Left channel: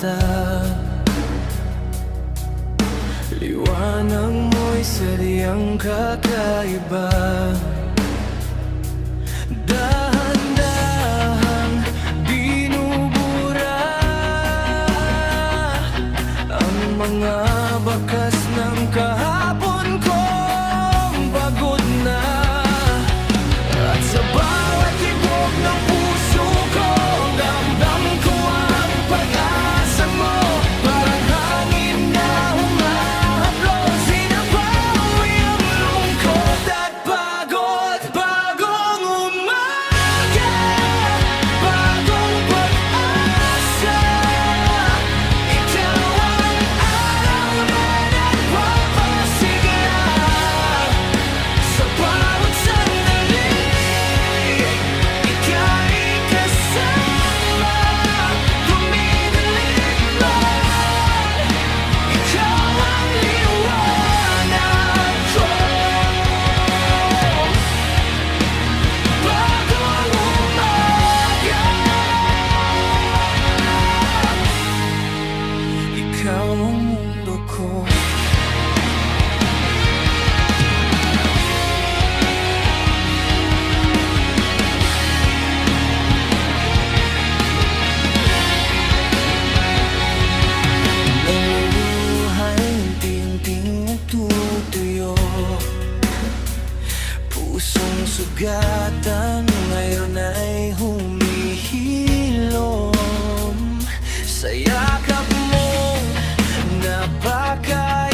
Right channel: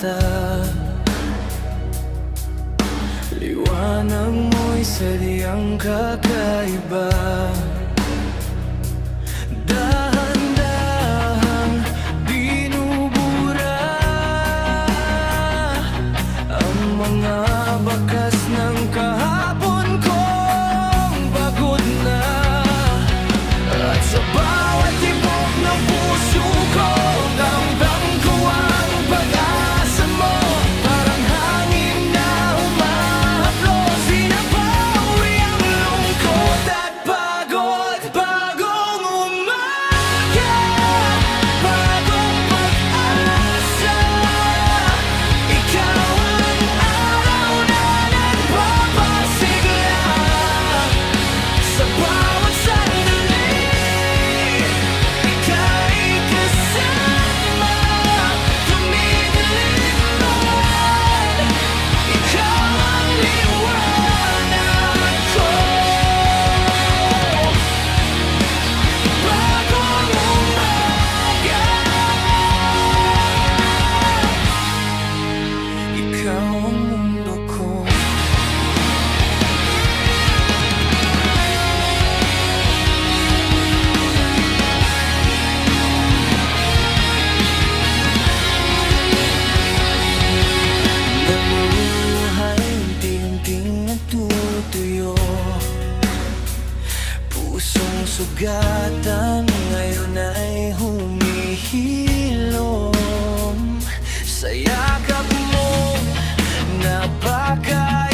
mata. Liwanag mo'y sadyang kakaiba. Dahan-dahang binubura ang mga bakas ng kahapon kong pagod na. At sa bawat tibok ng puso ko, ramdam ko ang pag-asa mo. Parang hangin na humahaplos, binabawi ang lungkot at pagod. Bagong umaga, bagong pag-asa. Ikaw ang araw na nagpapasigla. Sa bawat sandali, ika'y kasama. Dumidilim man, ikaw ang liwanag ko. Bagong umaga, ikaw ang mundo ko. Naluhay, unti-unting natutuyo. Pusong sugatan ngayon ay humihilom. Sa yakap mo, napakainit.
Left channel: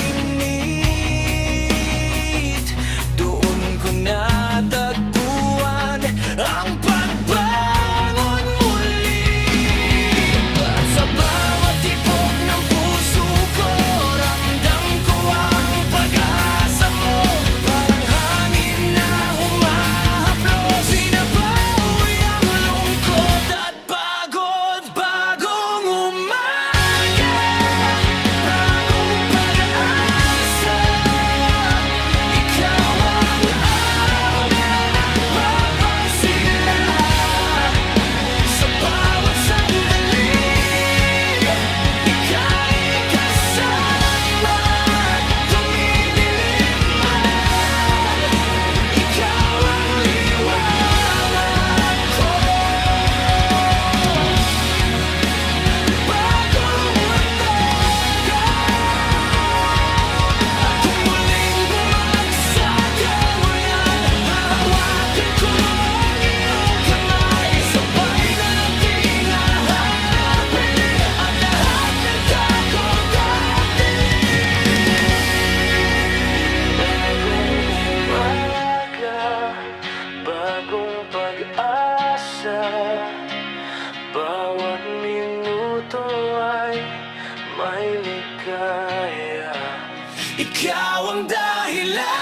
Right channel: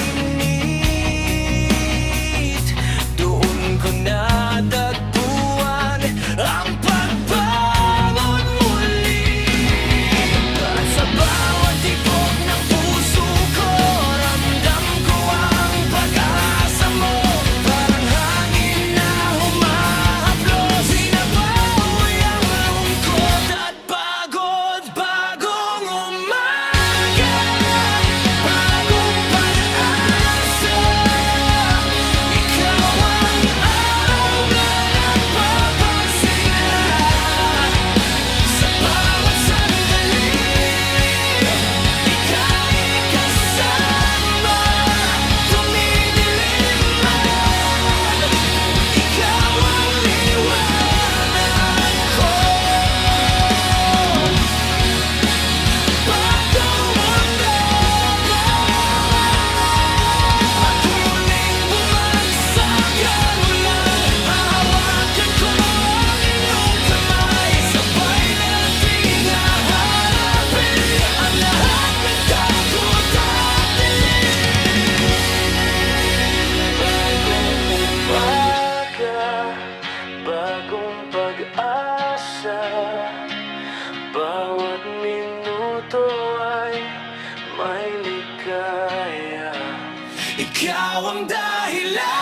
Doon ko natagpuan ang pagbangon muli. At sa bawat tibok ng puso ko, ramdam ko ang pag-asa mo. Parang hangin na humahaplos, binabawi ang lungkot at pagod. Bagong umaga, bagong pag-asa. Ikaw ang araw na nagpapasigla. Sa bawat sandali, ika'y kasama. Dumidilim man, ikaw ang liwanag ko. Bagong umaga, at kung muling bumagsak ang ulan, hahawakan ko ang iyong kamay. Sabay nating haharapin ang lahat ng takot at dilim. Bagong umaga, bagong pag-asa. Bawat minuto ay may ligaya. Ikaw ang dahilan.